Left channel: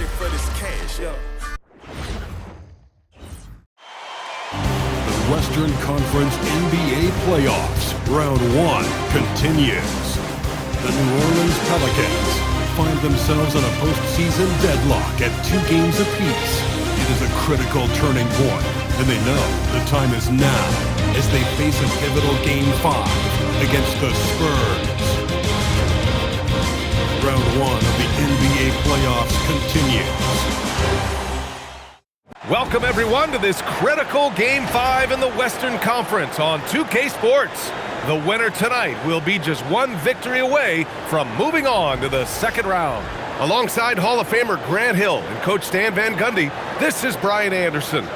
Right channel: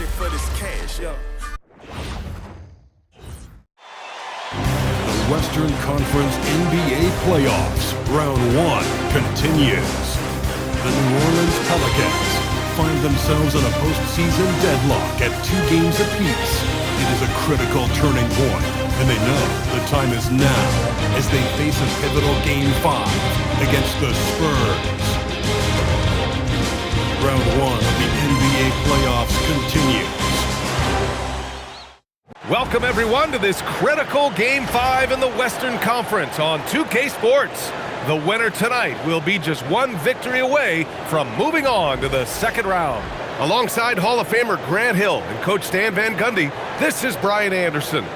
shit for this cash, yeah. The Western Conference NBA playoffs, round 1 continues. The New Orleans Pelicans find themselves in a postseason deadlock at 2 games apiece. It is a critical turning point, and they know the time is now as they face a pivotal Game 5 against the Spurs. Round 1 of the NBA playoffs continues. Welcome, everyone, to this critical Game 5 in the Western Conference on 2K Sports. The winner tonight will be just one victory away from moving on to the second round. Alongside Hall of Famer Grant Hill and Coach Stan Van Gundy, this is Brian Anderson.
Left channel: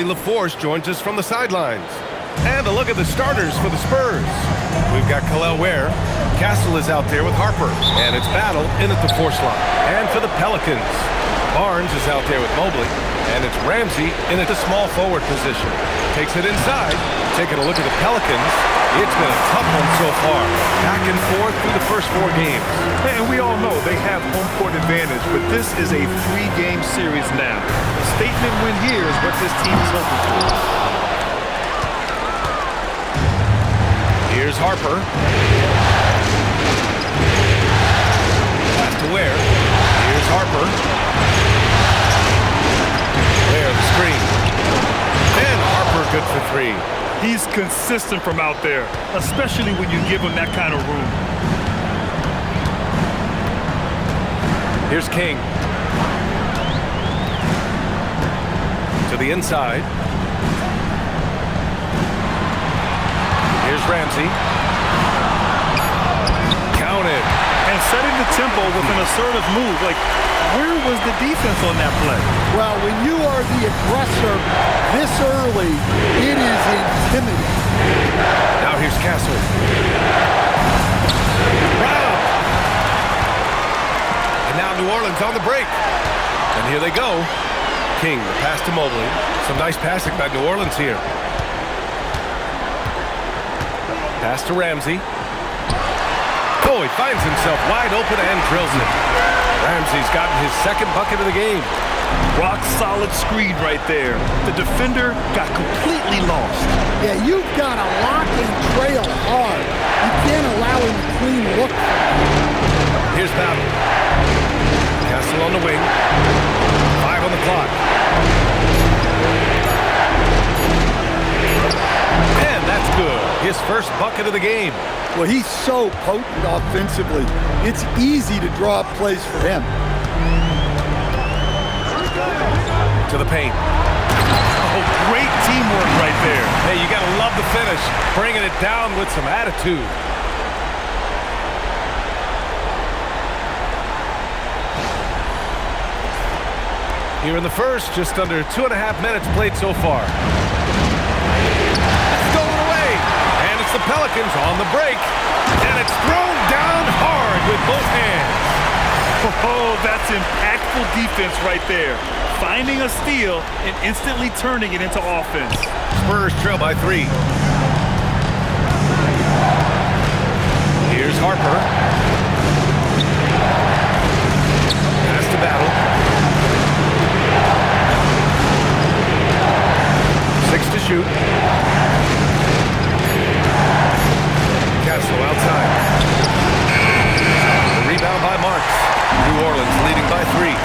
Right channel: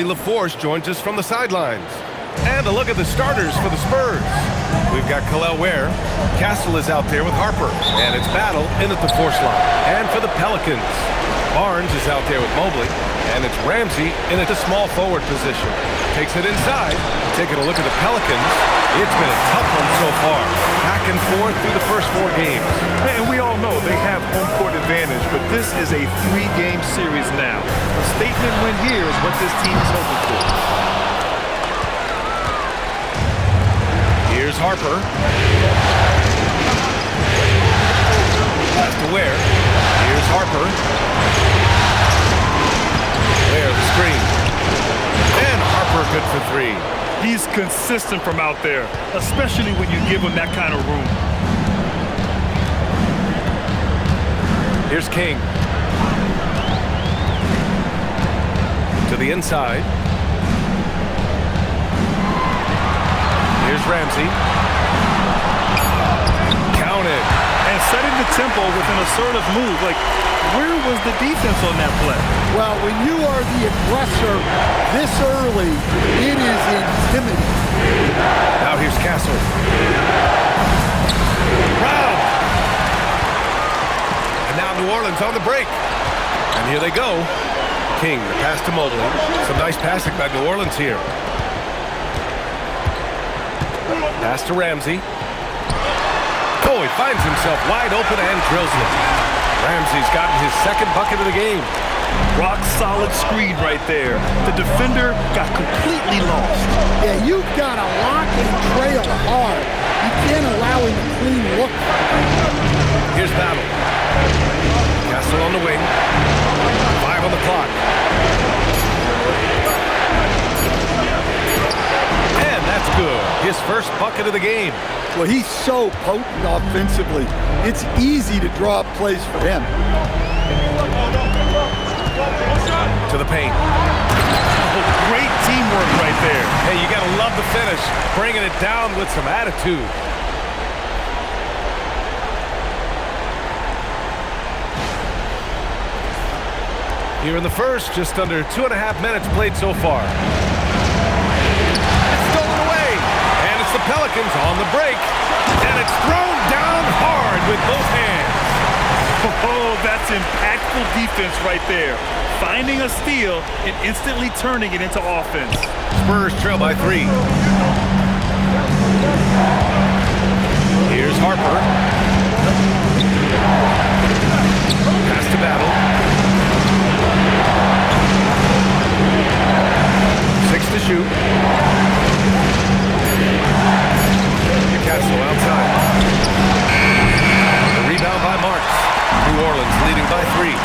LaForce joins us from the sidelines. And a look at the starters for the Spurs. We've got Khalil Ware. Castle is out there with Harper. And it's Battle in at the 4 slot. And for the Pelicans, Barnes is out there with Mobley. And it's Ramsey in at the small forward position. Takes it inside. Taking a look at the Pelicans. It's been a tough one so far. Back and forth through the first 4 games. And we all know they have home court advantage, but this is a 3-game series now. A statement win here is what this team is hoping for. Here's Harper. Pass to Ware. Here's Harper. Ware, the screen. And Harper good for 3. He's consistent from out there, especially when you give him that kind of room. Here's King. To the inside. Here's Ramsey. Counted. And setting the tempo with an assertive move. Like, where was the defense on that play? Well, when you are the aggressor this early, it is intimidating. Now here's Castle. Round. And now New Orleans on the break. And here they go. King, the pass to Mobley. Some nice passing by New Orleans here. Pass to Ramsey. Oh, he finds himself wide open and drills it. Ramsey's gotten his second bucket of the game. Rock solid screen right there. The defender got completely lost. Yeah, you've got to lock and trail hard. You can't allow him a clean look. Here's Battle. Castle on the wing. 5 on the clock. And that's good. His first bucket of the game. Well, he's so potent offensively. It's easy to draw up plays for him. To the paint. Oh, great teamwork right there. Hey, you got to love the finish. Bringing it down with some attitude. Here in the first, just under 2.5 minutes played so far. It's stolen away. And it's the Pelicans on the break. And it's thrown down hard with both hands. Oh, that's impactful defense right there. Finding a steal and instantly turning it into offense. Spurs trail by 3. Here's Harper. Pass to Battle. 6 to shoot. Castle outside. The rebound by Marks. New Orleans leading by 3.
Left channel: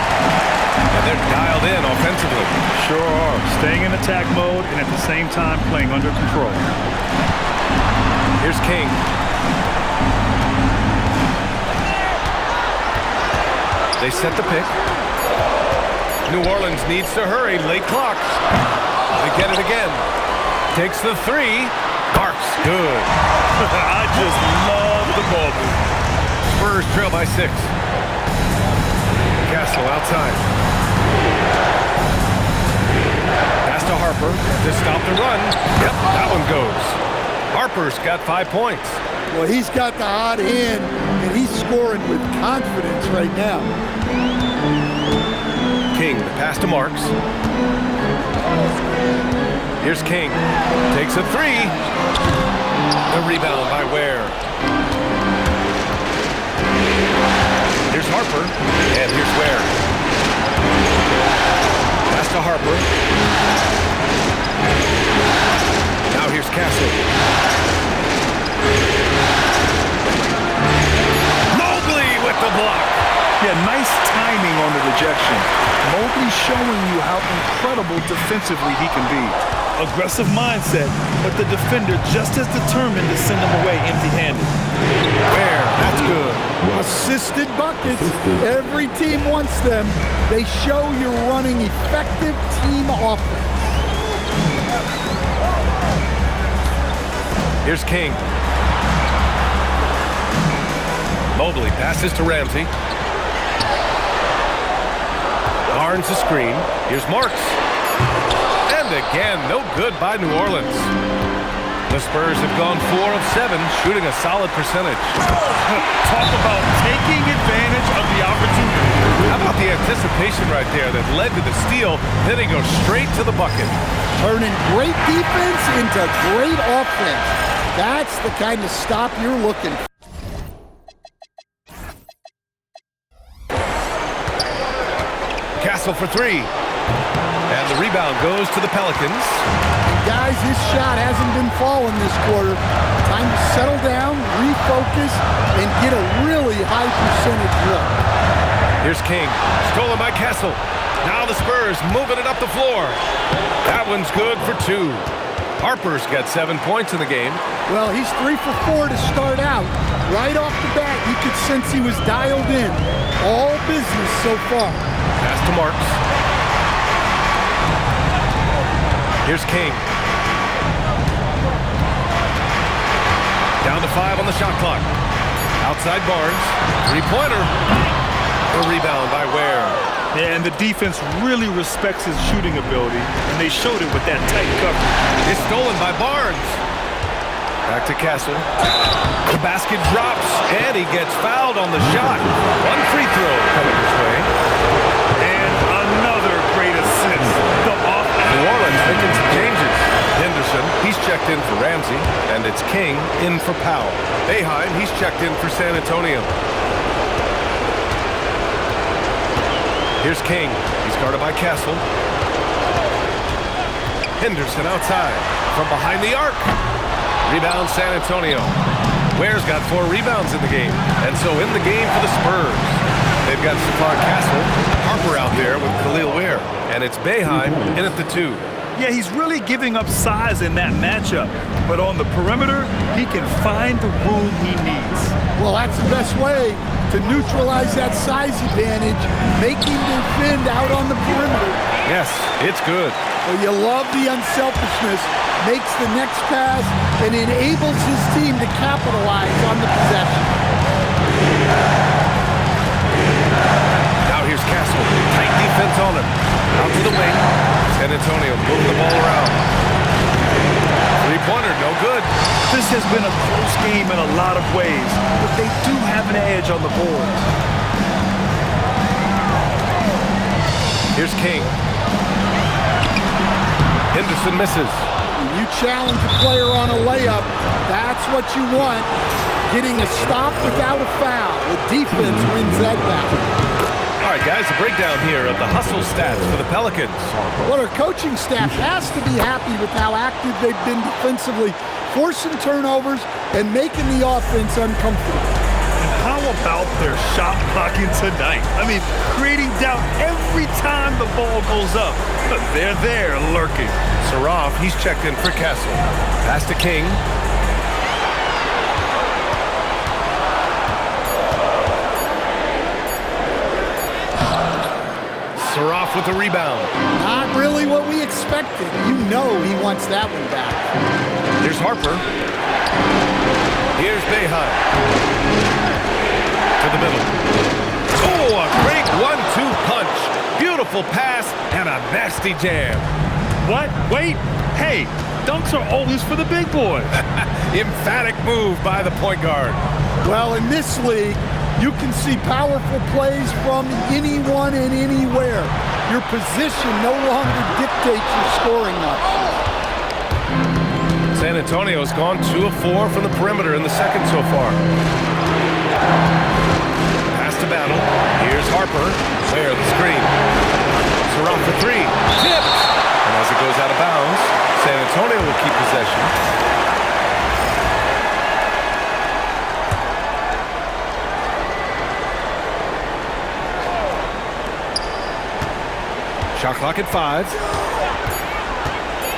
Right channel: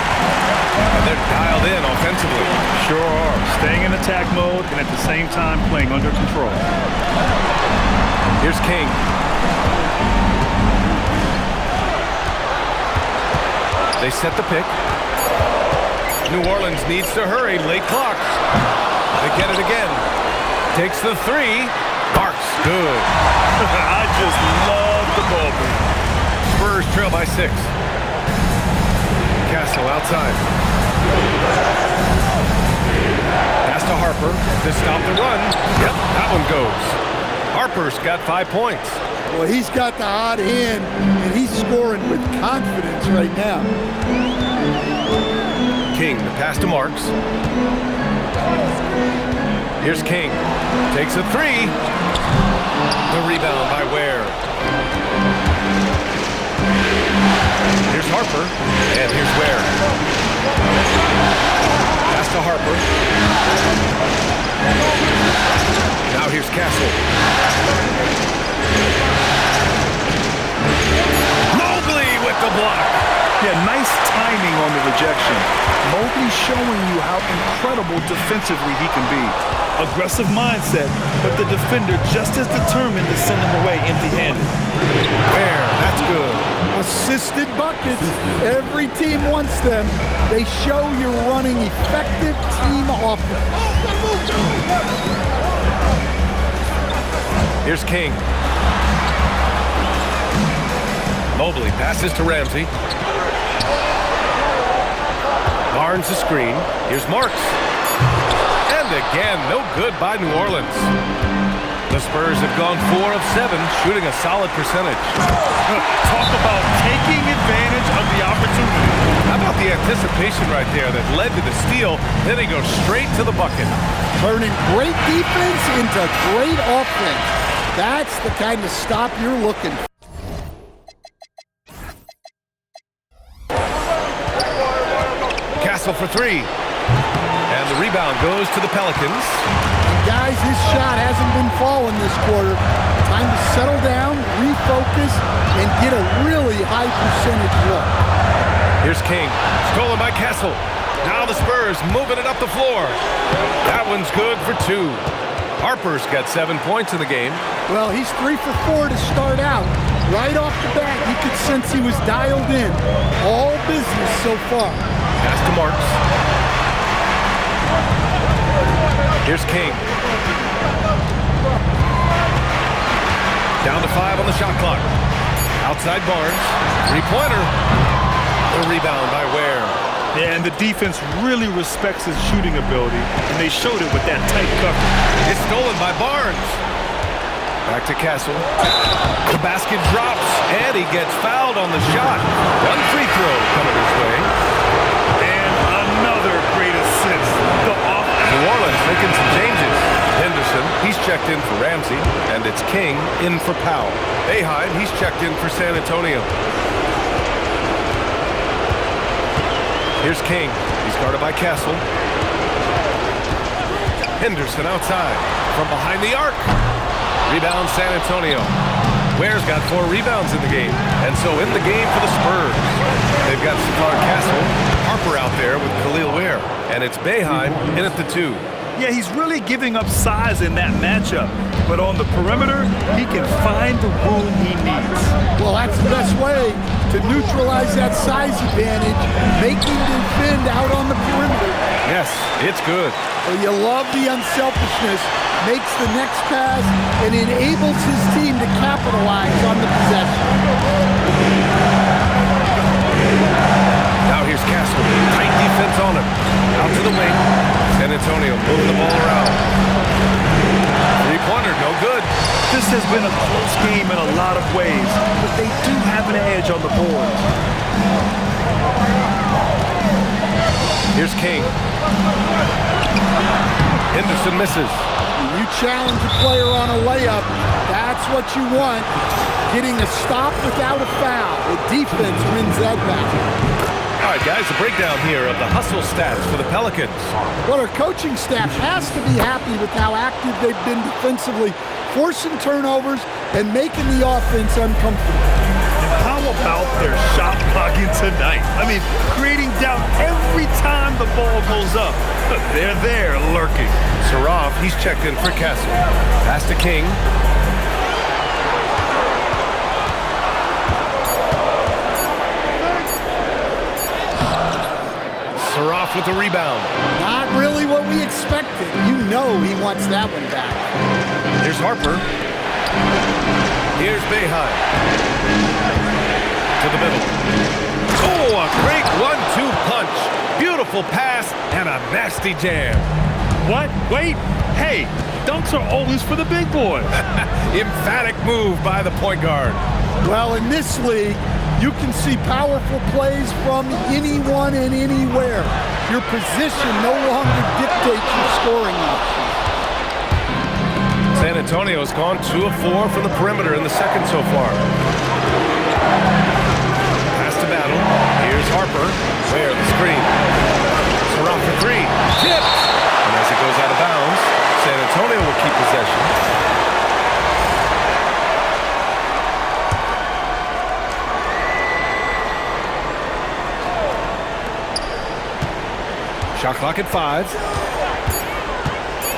And they're dialed in offensively. Sure are. Staying in attack mode and at the same time playing under control. Here's King. They set the pick. New Orleans needs to hurry. Late clock. They get it again. Takes the three. Marks. Good. I just love the ball move. Spurs trail by 6. Castle outside. Pass to Harper to stop the run. Yep, that one goes. Harper's got 5 points. Well, he's got the hot hand, and he's scoring with confidence right now. King, the pass to Marks. Here's King. Takes a three. The rebound by Ware. Here's Harper, and here's Ware. Pass to Harper. Now here's Castle. Mobley with the block. Yeah, nice timing on the rejection. Mobley showing you how incredible defensively he can be. Aggressive mindset, but the defender just as determined to send him away empty-handed. Ware, that's good. Assisted buckets. Every team wants them. They show you're running effective team offense. Here's King. Mobley passes to Ramsey. Barnes the screen. Here's Marks. And again, no good by New Orleans. The Spurs have gone 4 of 7, shooting a solid percentage. Talk about taking advantage of the opportunity. How about the anticipation right there that led to the steal? Then he goes straight to the bucket. Turning great defense into great offense. That's the kind of stop you're looking for. Castle for 3. And the rebound goes to the Pelicans. And guys, his shot hasn't been falling this quarter. Time to settle down, refocus, and get a really high percentage look. Here's King. Stolen by Castle. Now the Spurs moving it up the floor. That one's good for 2. Harper's got 7 points in the game. Well, he's 3 for 4 to start out. Right off the bat, you could sense he was dialed in. All business so far. Pass to Marks. Here's King. Down to 5 on the shot clock. Outside Barnes. 3-pointer. The rebound by Ware. Yeah, and the defense really respects his shooting ability, and they showed it with that tight coverage. It's stolen by Barnes. Back to Castle. The basket drops, and he gets fouled on the shot. 1 free throw coming his way. And another great assist. New Orleans making some changes. Henderson, he's checked in for Ramsey, and it's King in for Powell. Boeheim, he's checked in for San Antonio. Here's King. He's guarded by Castle. Henderson outside from behind the arc. Rebound San Antonio. Ware's got 4 rebounds in the game, and so in the game for the Spurs. They've got Stephon Castle, Harper out there with Khalil Ware, and it's Boeheim in at the 2. Yeah, he's really giving up size in that matchup, but on the perimeter, he can find the room he needs. Well, that's the best way to neutralize that size advantage, make him defend out on the perimeter. Yes, it's good. Well, you love the unselfishness, makes the next pass, and enables his team to capitalize on the possession. Now here's Castle. Tight defense on him. Out to the wing. San Antonio moving the ball around. 3-pointer, no good. This has been a close game in a lot of ways, but they do have an edge on the boards. Here's King. Henderson misses. When you challenge a player on a layup, that's what you want. Getting a stop without a foul. The defense wins that battle. All right, guys, a breakdown here of the hustle stats for the Pelicans. Well, our coaching staff has to be happy with how active they've been defensively, forcing turnovers and making the offense uncomfortable. And how about their shot blocking tonight? I mean, creating doubt every time the ball goes up. They're there lurking. Saraf, he's checked in for Castle. Pass to King. Saroff with the rebound. Not really what we expected. You know he wants that one back. Here's Harper. Here's Boeheim. To the middle. Oh, a great 1-2 punch. Beautiful pass and a nasty jam. What? Wait. Hey, dunks are always for the big boys. Emphatic move by the point guard. Well, in this league, you can see powerful plays from anyone and anywhere. Your position no longer dictates your scoring options. San Antonio's gone 2 of 4 from the perimeter in the second so far. Pass to Battle. Here's Harper. Where the screen. Saroff for 3. Tipped. And as it goes out of bounds, San Antonio will keep possession. Shot clock at 5.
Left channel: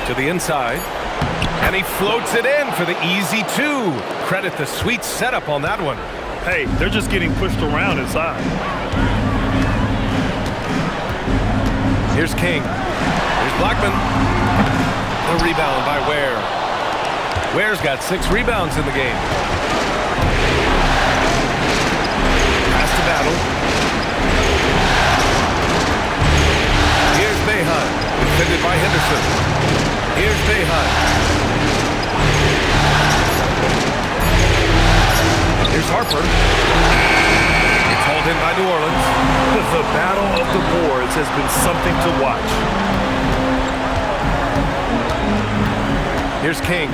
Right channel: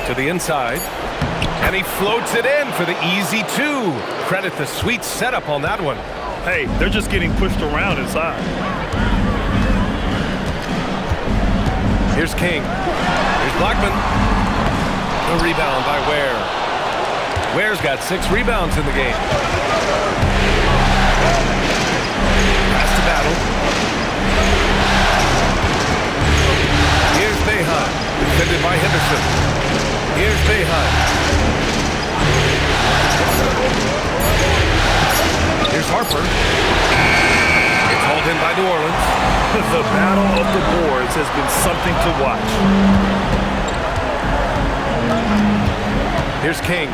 To the inside. And he floats it in for the easy 2. Credit the sweet setup on that one. Hey, they're just getting pushed around inside. Here's King. Here's Blackman. The rebound by Ware. Ware's got 6 rebounds in the game. Pass to Battle. Here's Boeheim. Defended by Henderson. Here's Boeheim. Here's Harper. It's hauled in by New Orleans. The battle of the boards has been something to watch. Here's King.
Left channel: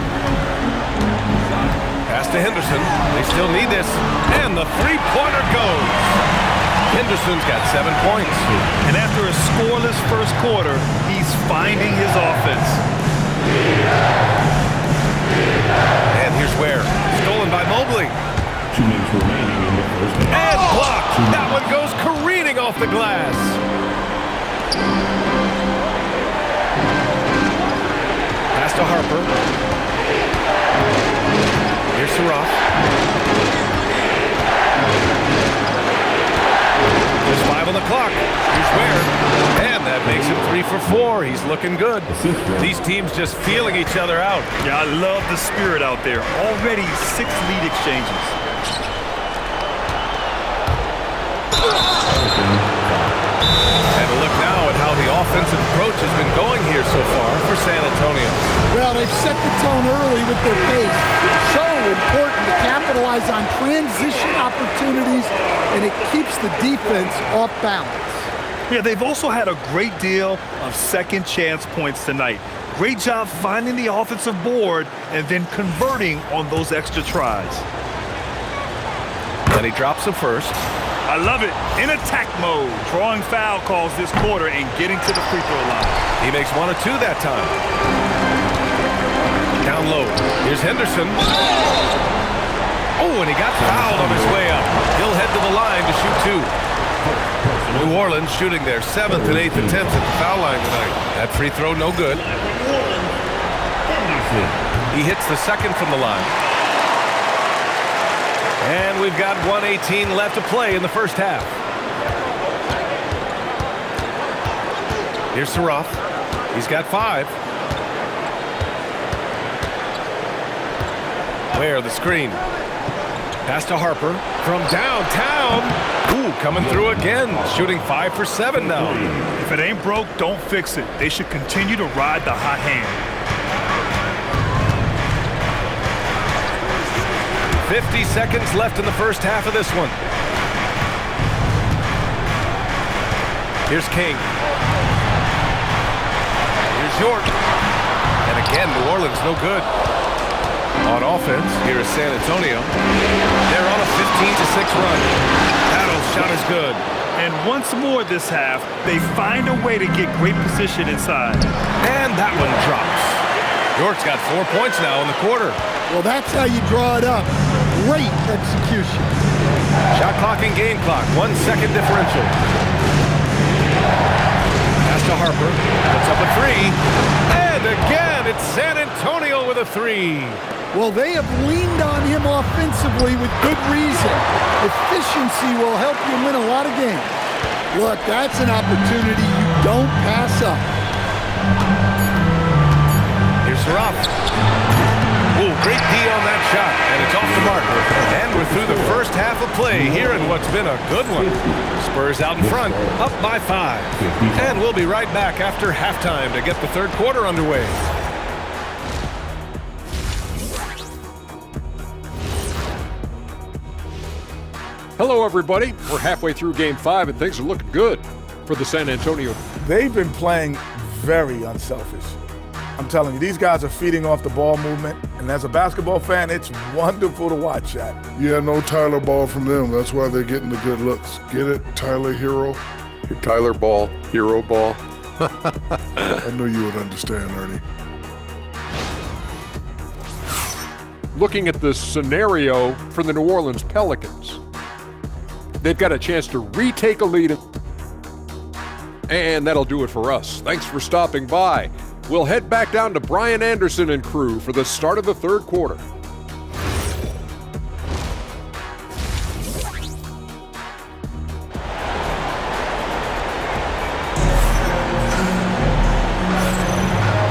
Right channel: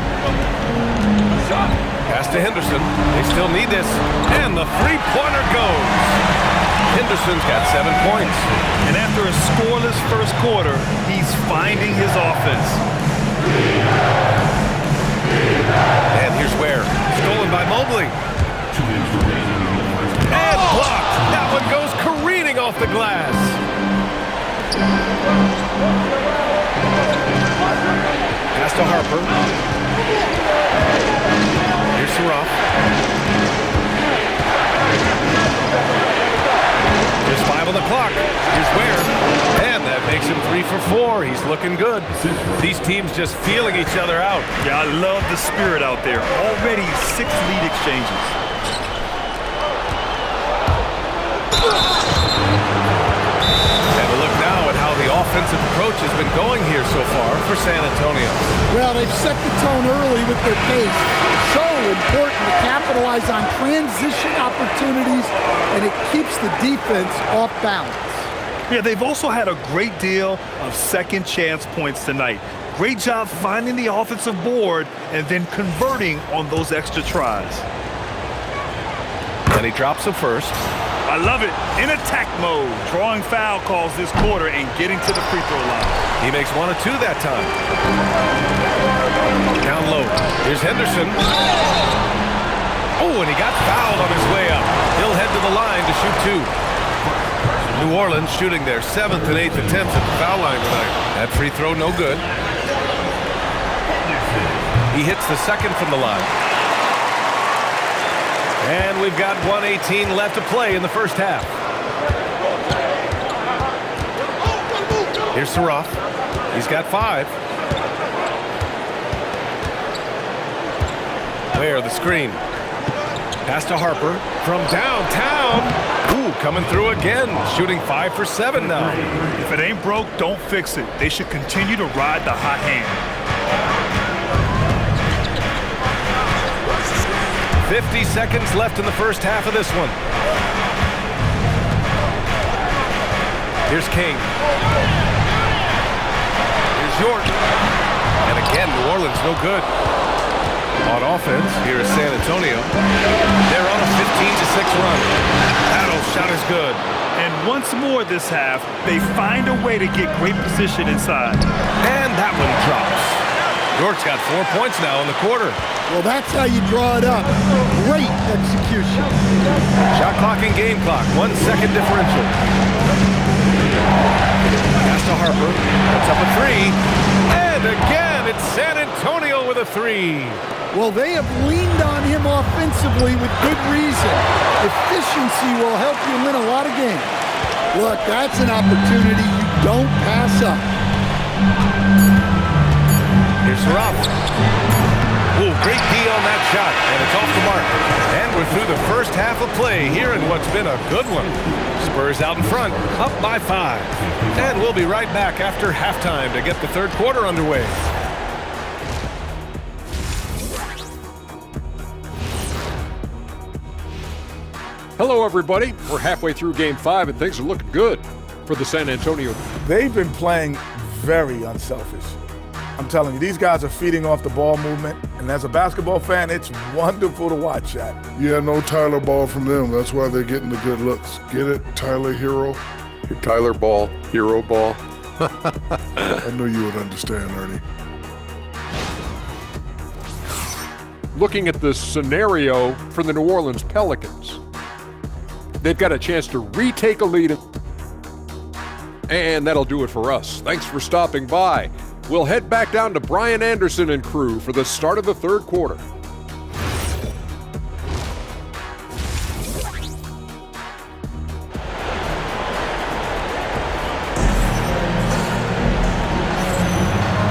Pass to Henderson. They still need this. And the three-pointer goes. Henderson's got 7 points. And after a scoreless first quarter, he's finding his offense. And here's Ware. Stolen by Mobley. 2 minutes remaining in the first half. And blocked. That one goes careening off the glass. Pass to Harper. Here's Saroff. Just 5 on the clock. Here's Ware. And that makes him 3 for 4. He's looking good. These teams just feeling each other out. Yeah, I love the spirit out there. Already 6 lead exchanges. And a look now at how the offensive approach has been going here so far for San Antonio. Well, they've set the tone early with their pace. So important to capitalize on transition opportunities, and it keeps the defense off balance. Yeah, they've also had a great deal of second chance points tonight. Great job finding the offensive board and then converting on those extra tries. And he drops the first. I love it. In attack mode, drawing foul calls this quarter and getting to the free throw line. He makes 1 of 2 that time. Down low. Here's Henderson. Oh, and he got fouled on his way up. He'll head to the line to shoot 2. New Orleans shooting their 7th and 8th attempts at the foul line tonight. That free throw, no good. He hits the second from the line. And we've got 1:18 left to play in the first half. Here's Saroff. He's got 5. Where the screen. Pass to Harper from downtown. Ooh, coming through again. Shooting 5 for 7 now. If it ain't broke, don't fix it. They should continue to ride the hot hand. 50 seconds left in the first half of this one. Here's King. Here's York. And again, New Orleans no good. On offense, here is San Antonio. They're on a 15-6 run. Battle's shot is good. And once more this half, they find a way to get great position inside. And that one drops. York's got 4 points now in the quarter. Well, that's how you draw it up. Great execution. Shot clock and game clock. 1 second differential. Pass to Harper. Puts up a 3. And again, it's San Antonio with a 3. Well, they have leaned on him offensively with good reason. Efficiency will help you win a lot of games. Look, that's an opportunity you Don't pass up. Here's Ruff. Ooh, great D on that shot, and it's off the mark. And we're through the first half of play here in what's been a good one. Spurs out in front, up by 5. And we'll be right back after halftime to get the third quarter underway. Hello, everybody. We're halfway through Game 5, and things are looking good for the San Antonio. They've been playing very unselfish. I'm telling you, these guys are feeding off the ball movement, and as a basketball fan, it's wonderful to watch that. Yeah, no Tyler ball from them. That's why they're getting the good looks. Get it, Tyler Hero? Tyler ball, hero ball. I knew you would understand, Ernie. Looking at the scenario for the New Orleans Pelicans, they've got a chance to retake a lead. And that'll do it for us. Thanks for stopping by. We'll head back down to Brian Anderson and crew for the start of the third quarter.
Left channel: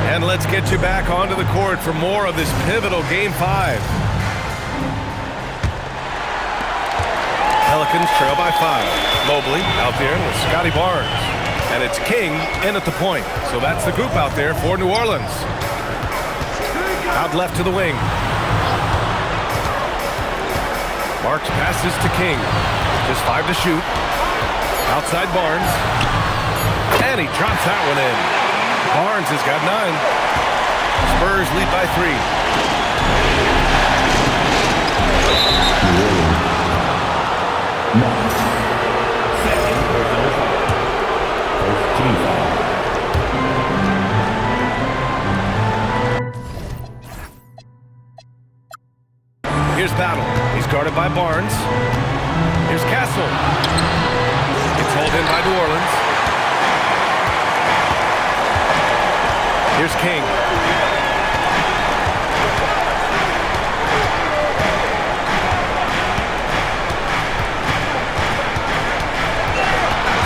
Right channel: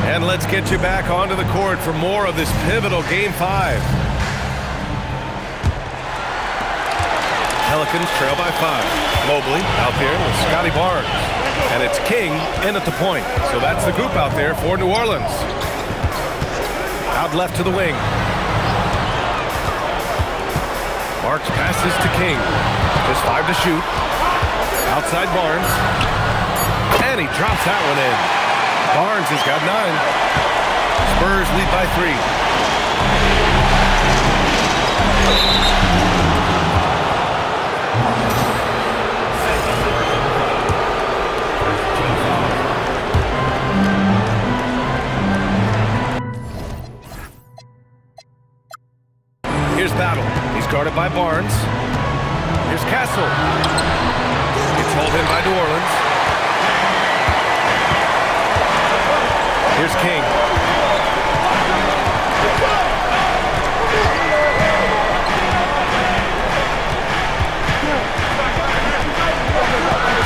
And let's get you back onto the court for more of this pivotal Game 5. Pelicans trail by 5. Mobley out there with Scotty Barnes. And it's King in at the point. So that's the group out there for New Orleans. Out left to the wing. Marks passes to King. Just 5 to shoot. Outside Barnes. And he drops that one in. Barnes has got 9. Spurs lead by 3. Here's Battle. He's guarded by Barnes. Here's Castle. It's hauled in by New Orleans. Here's King.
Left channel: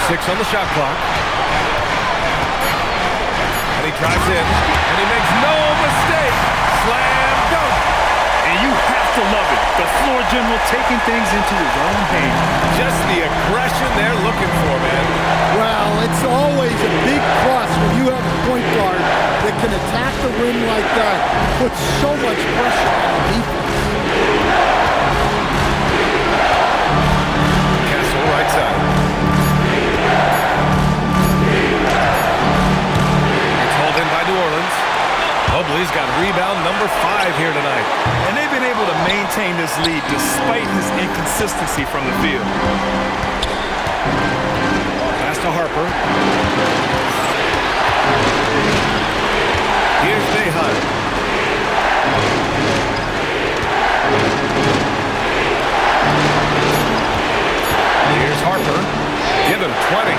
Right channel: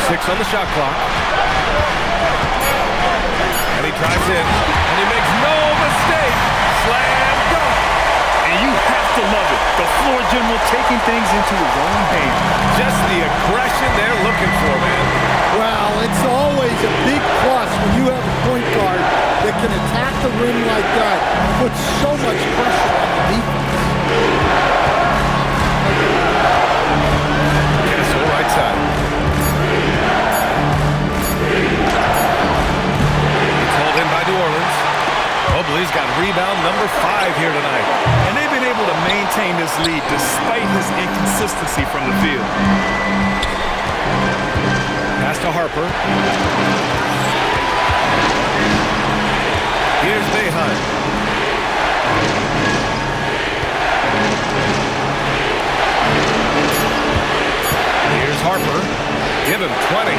Six on the shot clock. And he drives in. And he makes no mistake. Slam dunk. And you have to love it. The floor general taking things into his own hands. Just the aggression they're looking for, man. Well, it's always a big plus when you have a point guard that can attack the rim like that, put so much pressure on the defense. Castle right side. It's hauled in by New Orleans. Mobley's got rebound number 5 here tonight. And they've been able to maintain this lead despite his inconsistency from the field. Pass to Harper. Here's Behan. Here's Harper. Give him 20.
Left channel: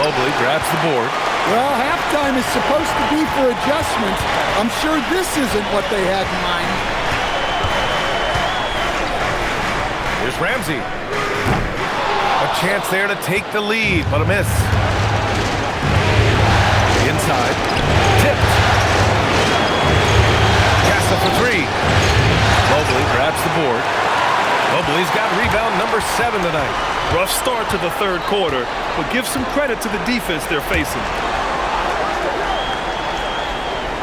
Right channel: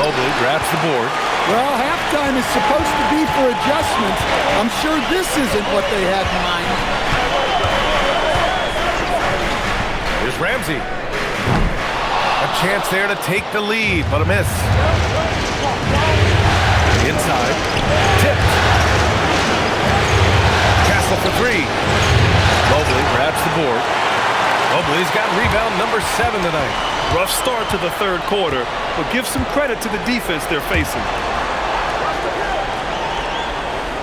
Mobley grabs the board. Well, halftime is supposed to be for adjustments. I'm sure this isn't what they had in mind. Here's Ramsey. A chance there to take the lead, but a miss. Inside. Tipped. Castle for 3. Mobley grabs the board. Mobley's got rebound number 7 tonight. Rough start to the third quarter, but give some credit to the defense they're facing.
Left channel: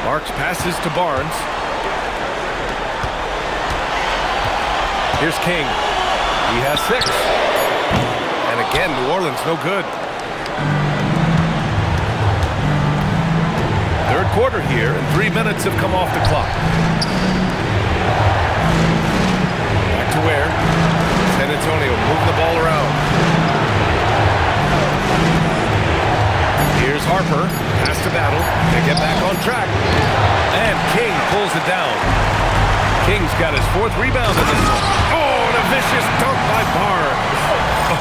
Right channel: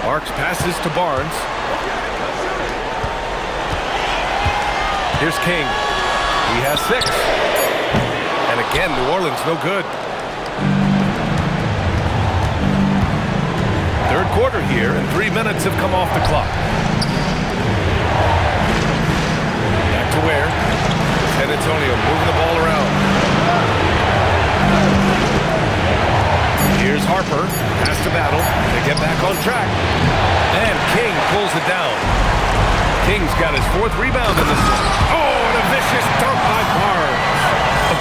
Marks passes to Barnes. Here's King. He has 6. And again, New Orleans no good. Third quarter here, and 3 minutes have come off the clock. Back to Ware. San Antonio moving the ball around. Here's Harper. Pass to Battle. They get back on track. And King pulls it down. King's got his 4th rebound in this one. Oh, and a vicious dunk by Barnes.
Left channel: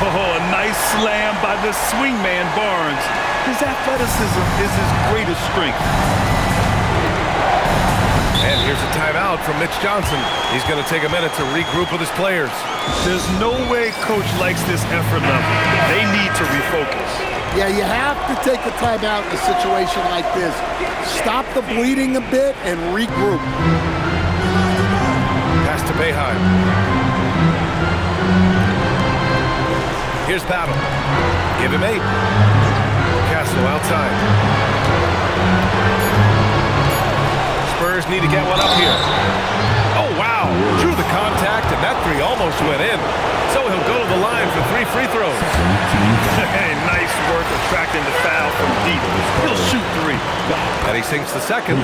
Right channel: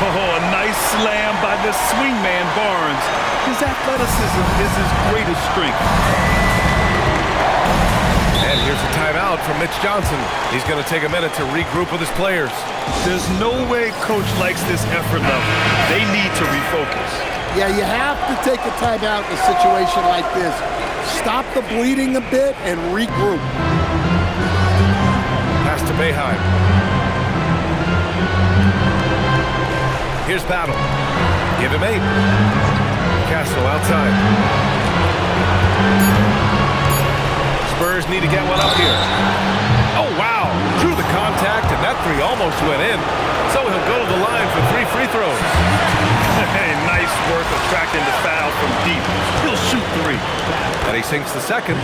Oh, a nice slam by the swingman Barnes. His athleticism is his greatest strength. And here's a timeout from Mitch Johnson. He's going to take a minute to regroup with his players. There's no way coach likes this effort level. They need to refocus. Yeah, you have to take a timeout in a situation like this. Stop the bleeding a bit and regroup. Pass to Boeheim. Here's Battle. Give him 8. Castle outside. Spurs need to get one up here. Oh, wow. Drew the contact, and that 3 almost went in. So he'll go to the line for 3 free throws. Hey, nice work attracting the foul from deep. He'll shoot 3. And he sinks the second.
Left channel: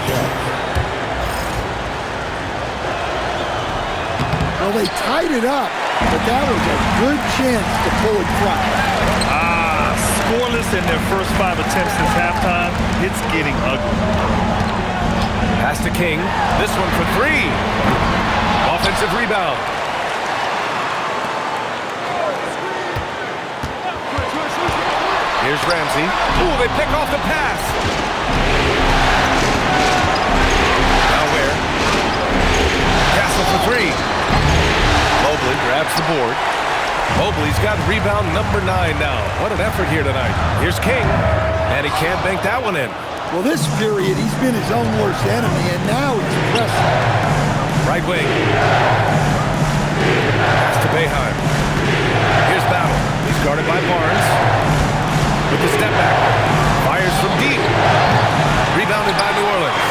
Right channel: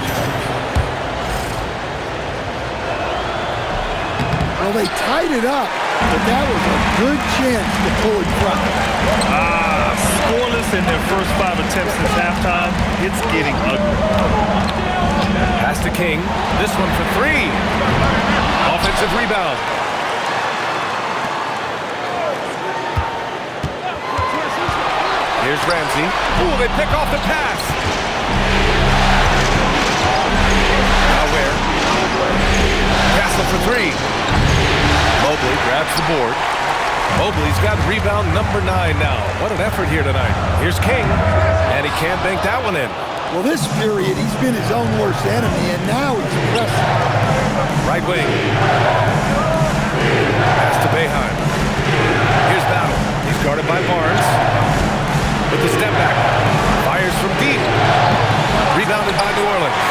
Well, they tied it up, but that was a good chance to pull it front. Scoreless in their first 5 attempts since halftime. It's getting ugly. Pass to King. This one for 3. Offensive rebound. Here's Ramsey. Ooh, they pick off the pass. Now where? Castle for 3. Mobley grabs the board. Mobley's got rebound number 9 now. What an effort here tonight. Here's King, and he can't bank that one in. Well, this period, he's been his own worst enemy, and now he's pressing. Right wing. Pass to Boeheim. Here's Battle. He's guarded by Barnes. With the step back. Fires from deep. Rebounded by New Orleans.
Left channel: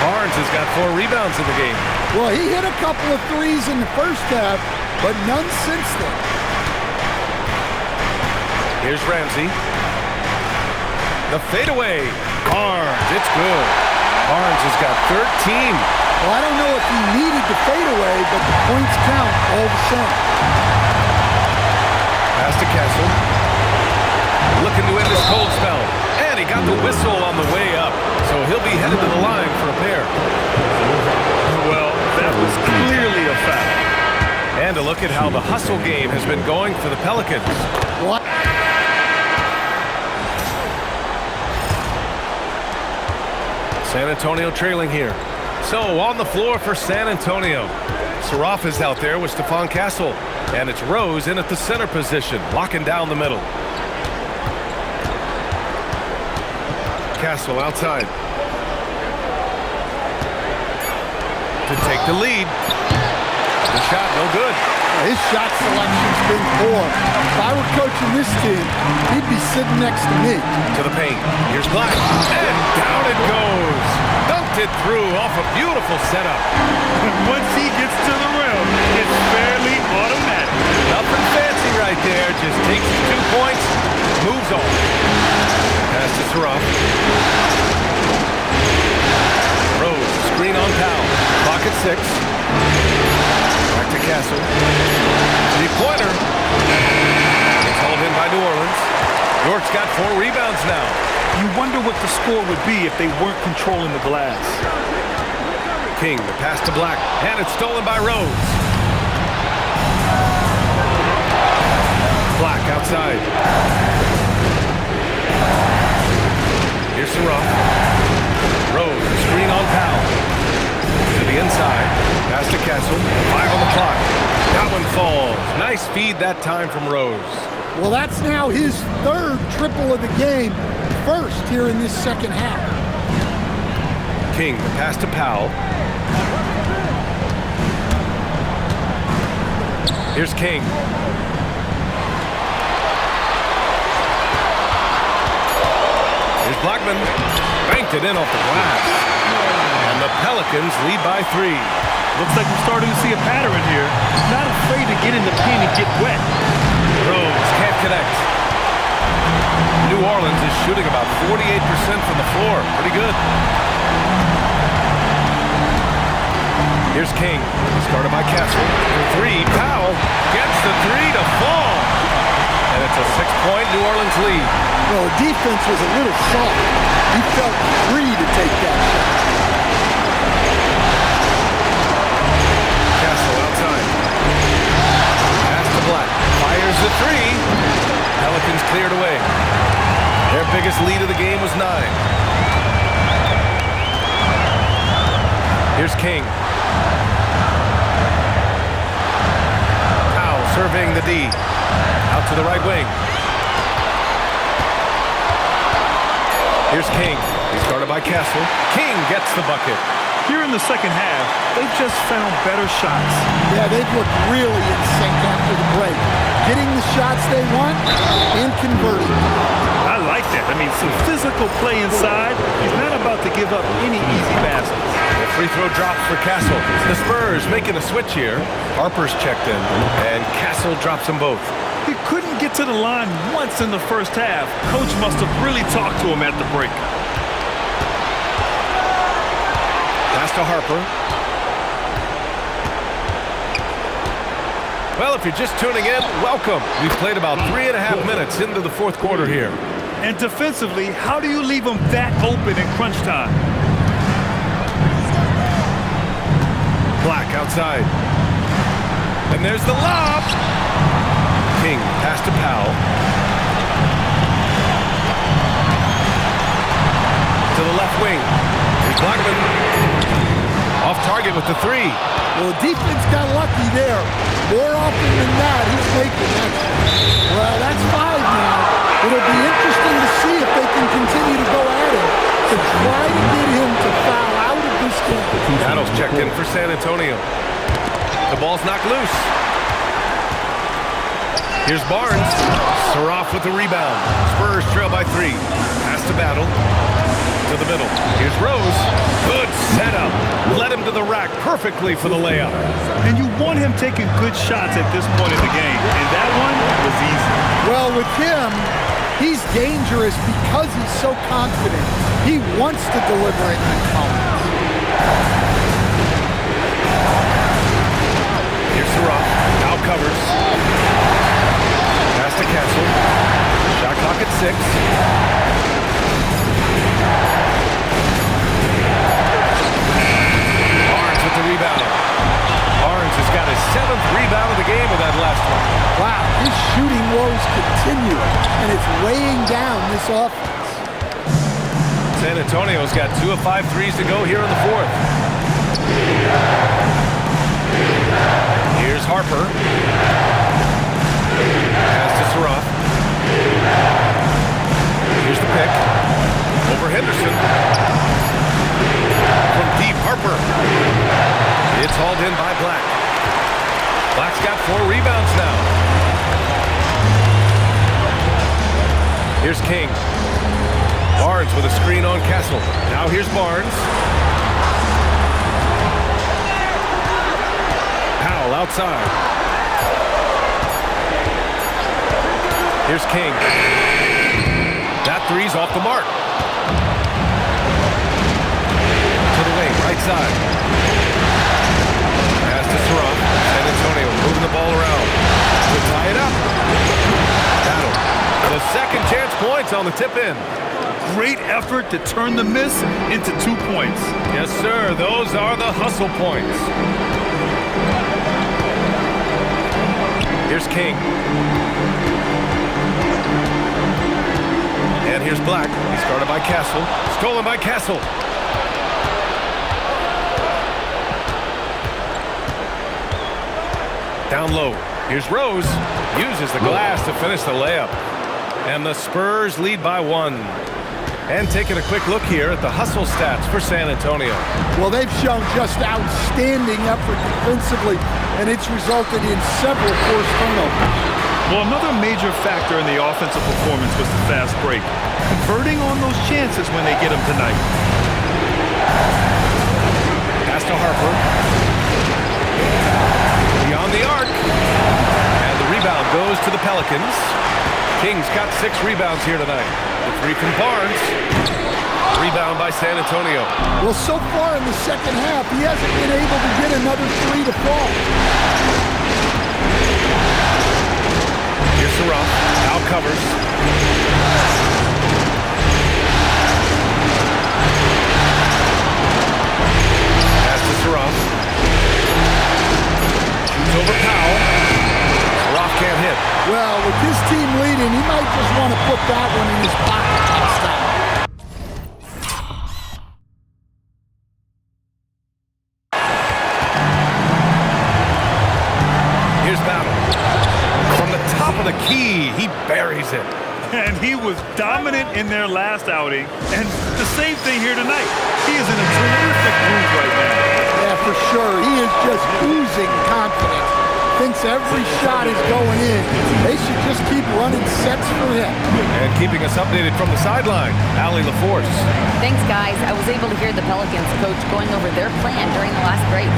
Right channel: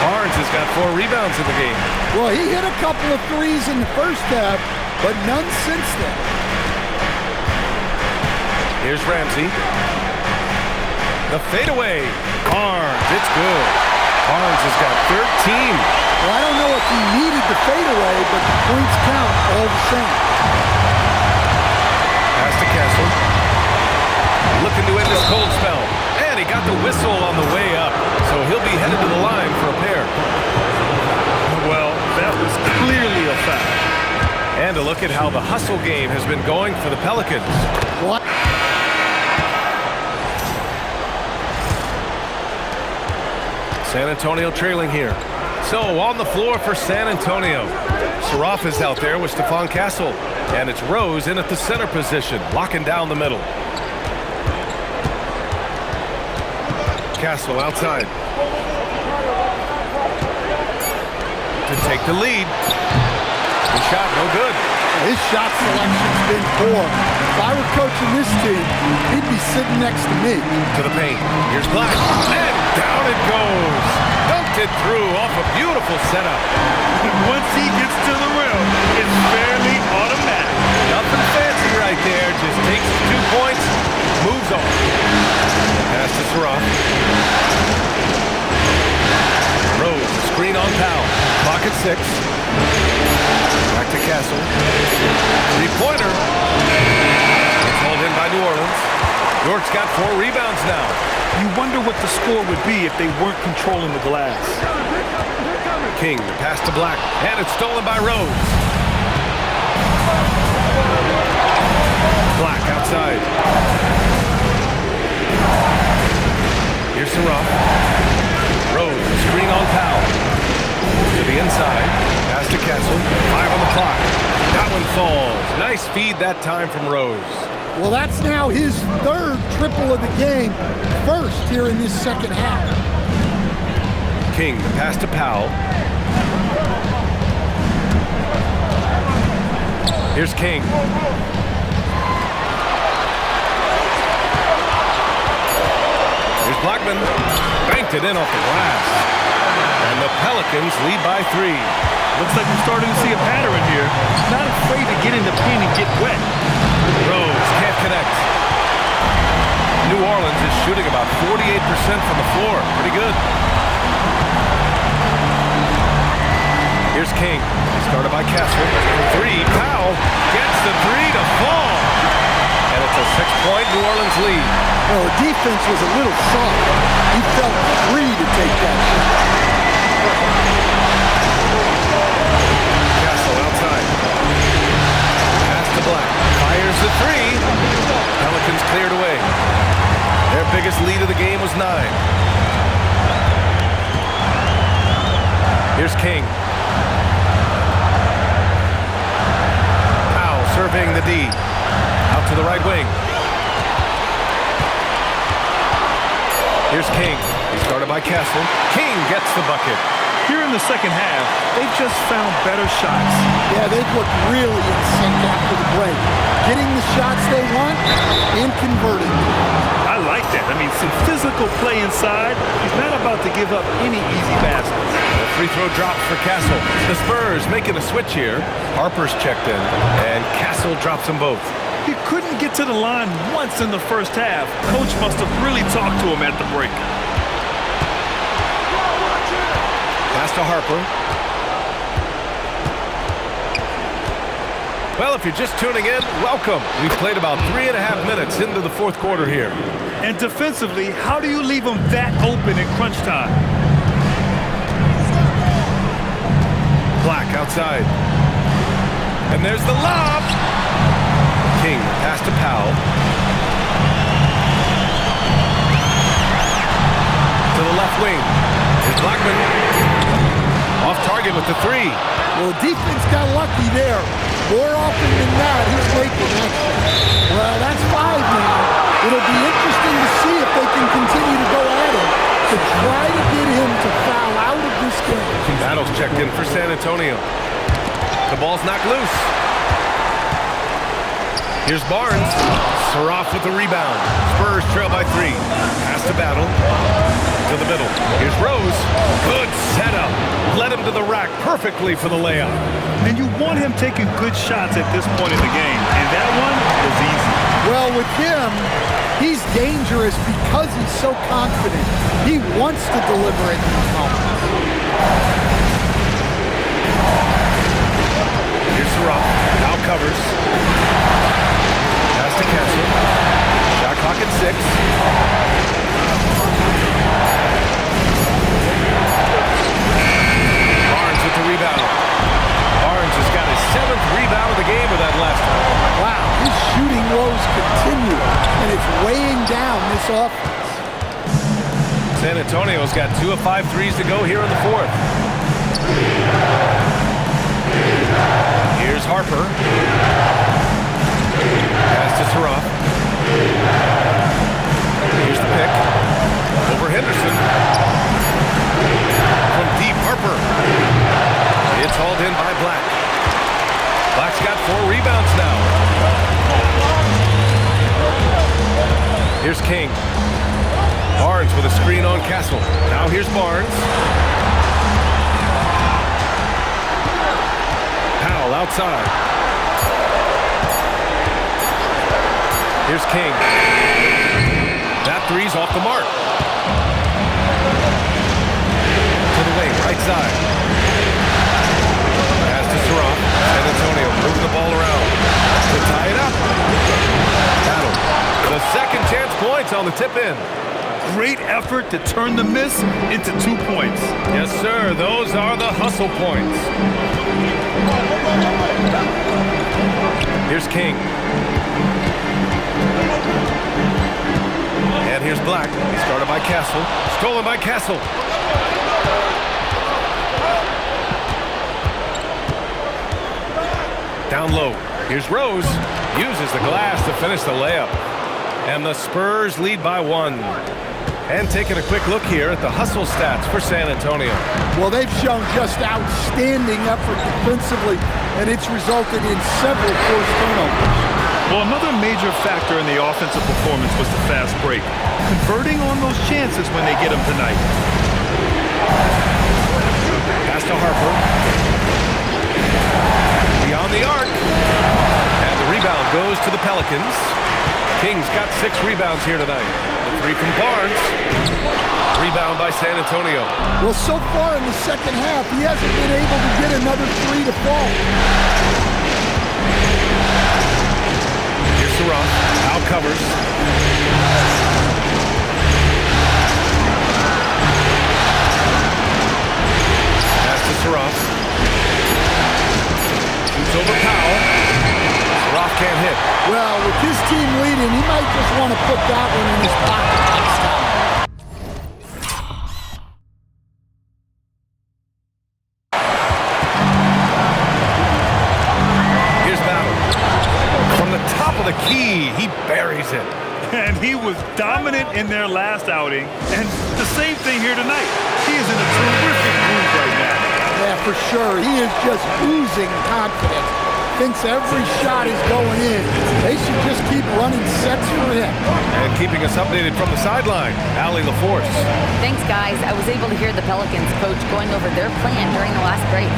Barnes has got 4 rebounds in the game. Well, he hit a couple of threes in the first half, but none since then. Here's Ramsey. The fadeaway. Barnes, it's good. Barnes has got 13. Well, I don't know if he needed the fadeaway, but the points count all the same. Pass to Castle. Looking to end this cold spell. And he got the whistle on the way up. So he'll be headed to the line for a pair. Well, that was clearly a foul. And a look at how the hustle game has been going for the Pelicans. What? San Antonio trailing here. So on the floor for San Antonio. Saraf is out there with Stephon Castle. And it's Rose in at the center position, locking down the middle. Castle outside. To take the lead. The shot no good. His shot selection's been poor. If I were coaching this team, he'd be sitting next to me. To the paint. Here's Black. And down it goes. Dunked it through off a beautiful setup. Once he gets to the rim, it's fairly automatic. Nothing fancy right there. Just takes the 2 points, moves on. Pass to Saraf. Rose, screen on Powell. Clock at 6. Back to Castle. 3-pointer. It's hauled in by New Orleans. York's got 4 rebounds now. You wonder what the score would be if they weren't controlling the glass. King, the pass to Black, and it's stolen by Rose. Black outside. Here's Saraf. Rose, screen on Powell. To the inside. Pass to Castle. 5 on the clock. That one falls. Nice feed that time from Rose. Well, that's now his 3rd triple of the game. First here in this second half. King, the pass to Powell. Here's King. Here's Blackman. Banked it in off the glass. And the Pelicans lead by 3. Looks like we're starting to see a pattern here. Not afraid to get in the paint and get wet. Rose can't connect. New Orleans is shooting about 48% from the floor. Pretty good. Here's King. He's guarded by Castle. For 3. Powell gets the 3 to fall. And it's a 6-point New Orleans lead. Well, the defense was a little soft. He felt free to take that shot. Castle outside. Pass to Black. Fires the 3. Pelicans cleared away. Their biggest lead of the game was 9. Here's King. Powell surveying the D. Out to the right wing. Here's King. He's guarded by Castle. King gets the bucket. Here in the second half, they've just found better shots. Yeah, they've looked really in sync after the break. Getting the shots they want and converting them. I like that. I mean, some physical play inside. He's not about to give up any easy baskets. The free throw drops for Castle. The Spurs making a switch here. Harper's checked in, and Castle drops them both. He couldn't get to the line once in the first half. Coach must have really talked to him at the break. Pass to Harper. Well, if you're just tuning in, welcome. We've played about 3.5 minutes into the fourth quarter here. And defensively, how do you leave them that open in crunch time? Black outside. And there's the lob. King pass to Powell. To the left wing. Here's Blackman. Off target with the three. Well, the defense got lucky there. More often than not, he's making that shot. Well, that's 5 now. It'll be interesting to see if they can continue to go at him to try to get him to foul out of this game. Battles checked in for San Antonio. The ball's knocked loose. Here's Barnes. Saroff with the rebound. Spurs trail by 3. Pass to Battle. To the middle. Here's Rose. Good setup. Led him to the rack perfectly for the layup. And you want him taking good shots at this point in the game. And that one was easy. Well, with him, he's dangerous because he's so confident. He wants to deliver at these moments. Here's Saroff. Now covers. Pass to Castle. Shot clock at 6. Barnes with the rebound. Barnes has got his 7th rebound of the game with that last one. Wow, his shooting woes continue, and it's weighing down this offense. San Antonio's got 2 of 5 threes to go here in the 4th. Here's Harper. Pass to Saroff. Here's the pick. Over Henderson. From deep, Harper. It's hauled in by Black. Black's got 4 rebounds now. Here's King. Barnes with a screen on Castle. Now here's Barnes. Powell outside. Here's King. That three's off the mark. To the wing, right side. Pass to Saroff. San Antonio moving the ball around to tie it up. Battle. The second chance points on the tip in. Great effort to turn the miss into 2 points. Yes, sir. Those are the hustle points. Here's King. And here's Black. He's guarded by Castle. Stolen by Castle. Down low. Here's Rose. Uses the glass to finish the layup. And the Spurs lead by 1. And taking a quick look here at the hustle stats for San Antonio. Well, they've shown just outstanding effort defensively, and it's resulted in several forced turnovers. Well, another major factor in the offensive performance was the fast break. Converting on those chances when they get them tonight. Pass to Harper. Beyond the arc. And the rebound goes to the Pelicans. King's got 6 rebounds here tonight. The 3 from Barnes. Rebound by San Antonio. Well, so far in the second half, he hasn't been able to get another 3 to fall. Here's Saroff. Now covers. Pass to Saroff. Shoots over Powell. Saroff can't hit. Well, with his team leading, he might just want to put that one in his pocket next time. Here's Battle. From the top of the key, he buries it. And he was dominant in their last outing. And the same thing here tonight. He is in a terrific groove right now. Yeah, for sure. He is just oozing confidence. Thinks every shot is going in. They should just keep running sets for him. And keeping us updated from the sideline, Allie LaForce. Thanks, guys. I was able to hear the Pelicans coach going over their plan during the last break.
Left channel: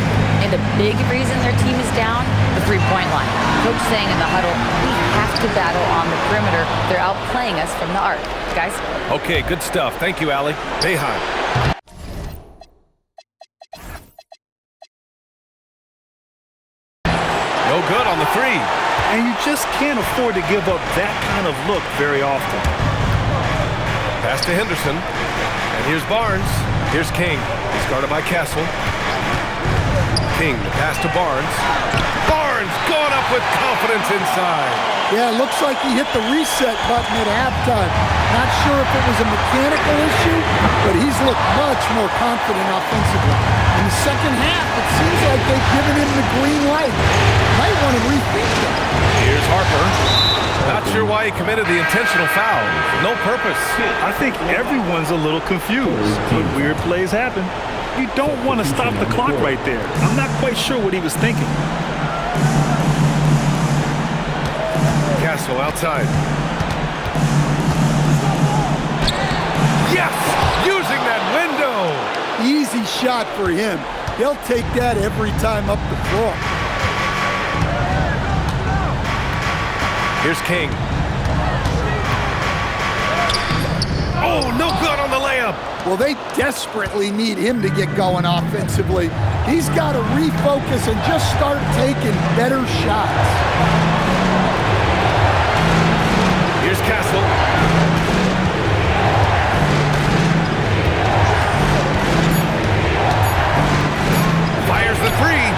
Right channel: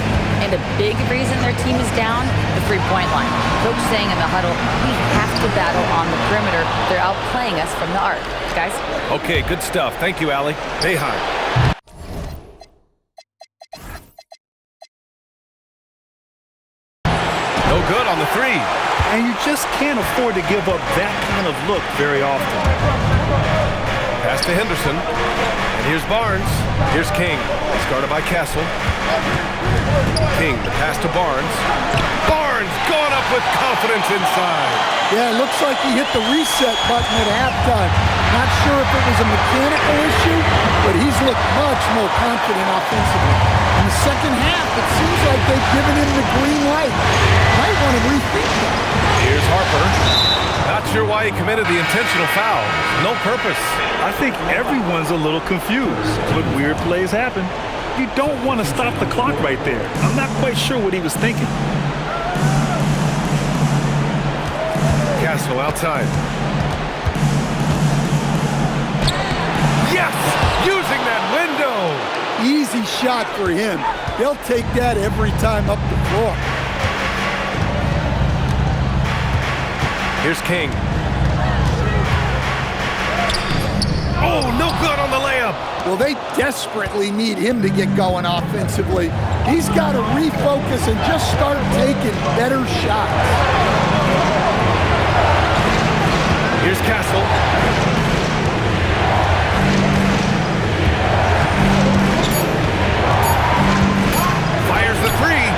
And a big reason their team is down, the three-point line. Coach saying in the huddle, we have to battle on the perimeter. They're outplaying us from the arc. Guys? Okay, good stuff. Thank you, Allie. Bayheim. No good on the three. And you just can't afford to give up that kind of look very often. Pass to Henderson. And here's Barnes. Here's King. He's guarded by Castle. King, the pass to Barnes. Barnes going up with confidence inside. Yeah, it looks like he hit the reset button at halftime. Not sure if it was a mechanical issue, but he's looked much more confident offensively. In the second half, it seems like they've given him the green light. Might want to rethink that. Here's Harper. Not sure why he committed the intentional foul. No purpose. I think everyone's a little confused, but weird plays happen. You don't want to stop the clock right there. I'm not quite sure what he was thinking. Castle outside. Yes! Using that window! Easy shot for him. They'll take that every time up the floor. Here's King. Oh, no good on the layup. Well, they desperately need him to get going offensively. He's got to refocus and just start taking better shots. Here's Castle. Fires the three.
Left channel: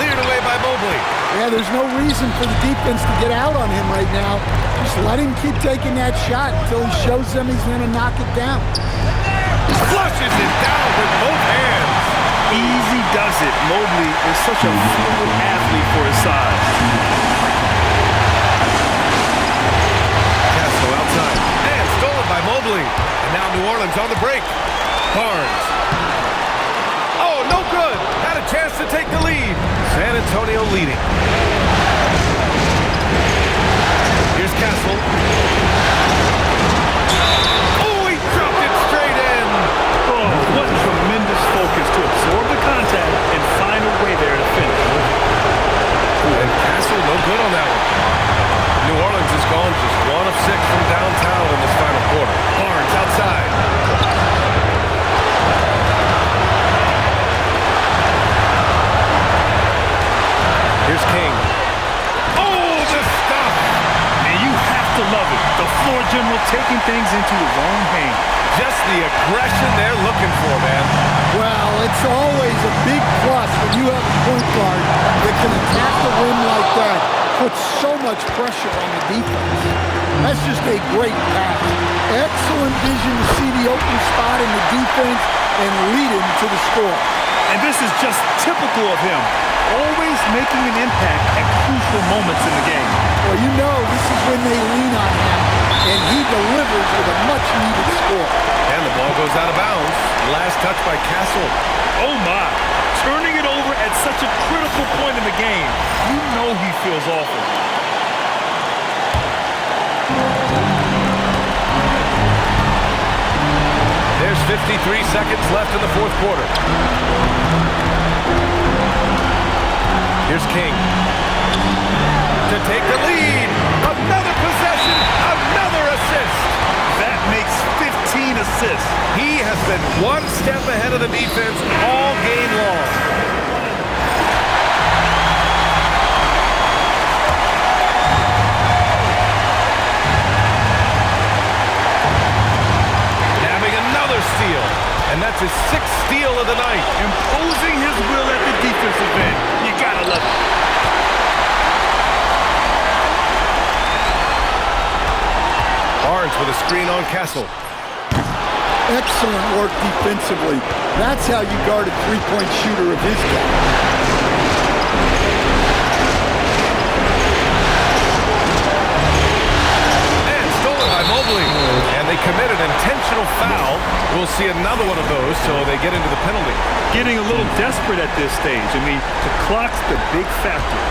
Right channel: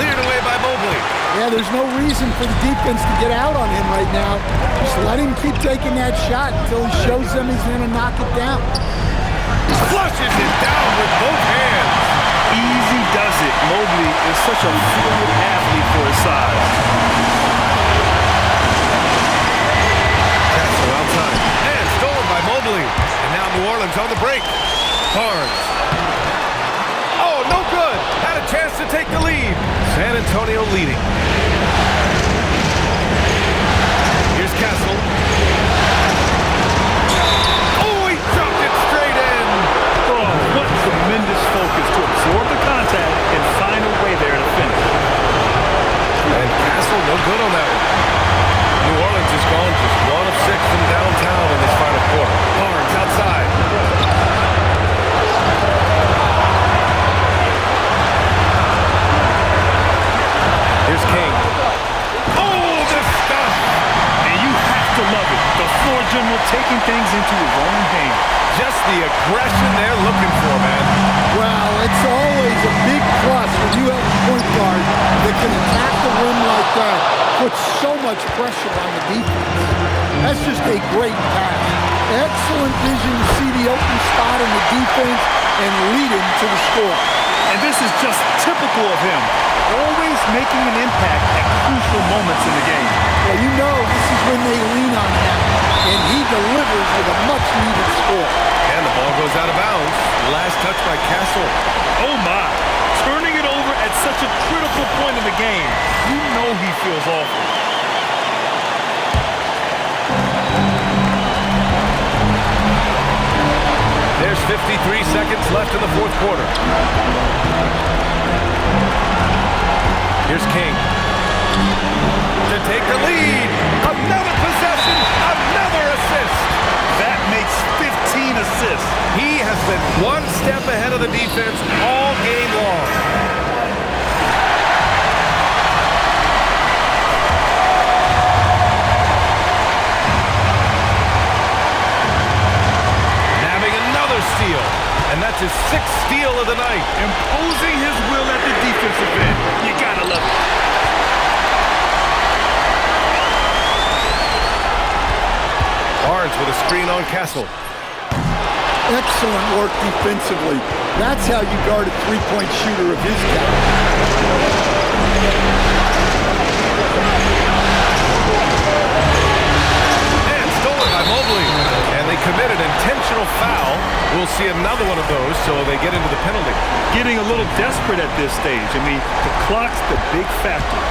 Cleared away by Mobley. Yeah, there's no reason for the defense to get out on him right now. Just let him keep taking that shot until he shows them he's going to knock it down. Flushes it down with both hands. Easy does it. Mobley is such a fluid athlete for his size. Castle outside. And stolen by Mobley. And now New Orleans on the break. Barnes. Oh, no good. Had a chance to take the lead. San Antonio leading. Here's Castle. Oh, he dropped it straight in. Oh, what tremendous focus to absorb the contact and find a way there to finish. And Castle, no good on that one. New Orleans has gone just 1 of 6 from downtown in this final quarter. Barnes outside. Here's King. Oh, the stuff! And you have to love it. The floor general taking things into his own hands. Just the aggression they're looking for, man. Well, it's always a big plus when you have a point guard that can attack the rim like that, put so much pressure on the defense. That's just a great pass. Excellent vision to see the open spot in the defense and lead him to the score. And this is just typical of him. Always making an impact at crucial moments in the game. Well, you know this is when they lean on him, and he delivers with a much-needed score. And the ball goes out of bounds. Last touch by Castle. Oh, my. Turning it over at such a critical point in the game. You know he feels awful. There's 53 seconds left in the fourth quarter. Here's King. To take the lead. Another possession, another assist. That makes 15 assists. He has been one step ahead of the defense all game long. Nabbing another steal. And that's his 6th steal of the night. Imposing his will at the defensive end. You gotta love it. Barnes with a screen on Castle. Excellent work defensively. That's how you guard a three-point shooter of his caliber. And they commit an intentional foul. We'll see another one of those, so they get into the penalty. Getting a little desperate at this stage. I mean, the clock's the big factor.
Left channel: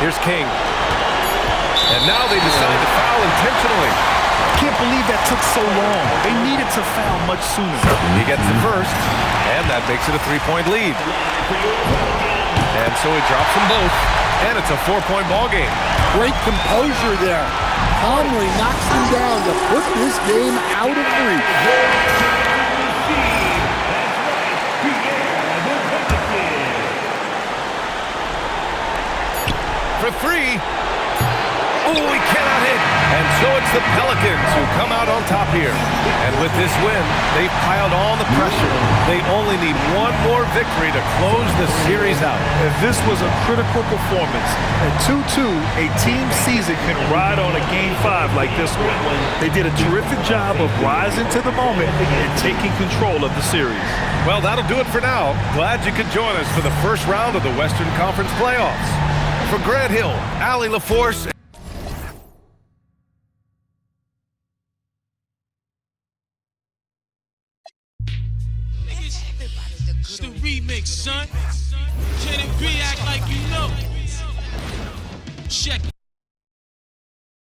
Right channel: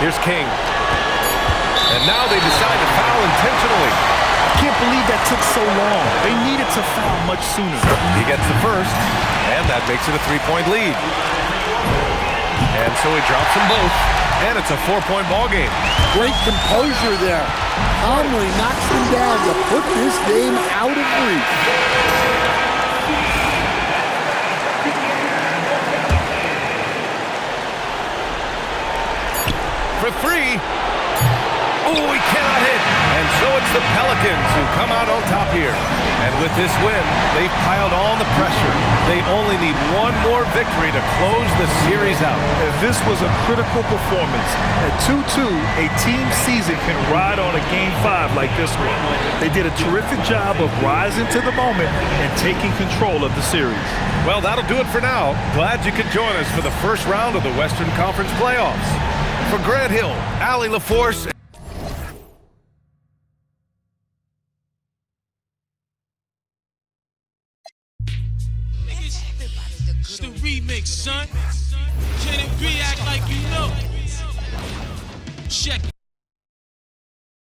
Here's King. And now they decide to foul intentionally. I can't believe that took so long. They needed to foul much sooner. He gets the first, and that makes it a 3-point lead. And so he drops them both, and it's a 4-point ball game. Great composure there. Calmly knocks them down to put this game out of reach. For three. Oh, he cannot hit. And so it's the Pelicans who come out on top here. And with this win, they've piled on the pressure. They only need one more victory to close the series out. If this was a critical performance, at 2-2, a team season can ride on a Game 5 like this one. They did a terrific job of rising to the moment and taking control of the series. Well, that'll do it for now. Glad you could join us for the first round of the Western Conference playoffs. For Grant Hill, Allie LaForce, It's the remix, son. Can it be act like you know? Check it.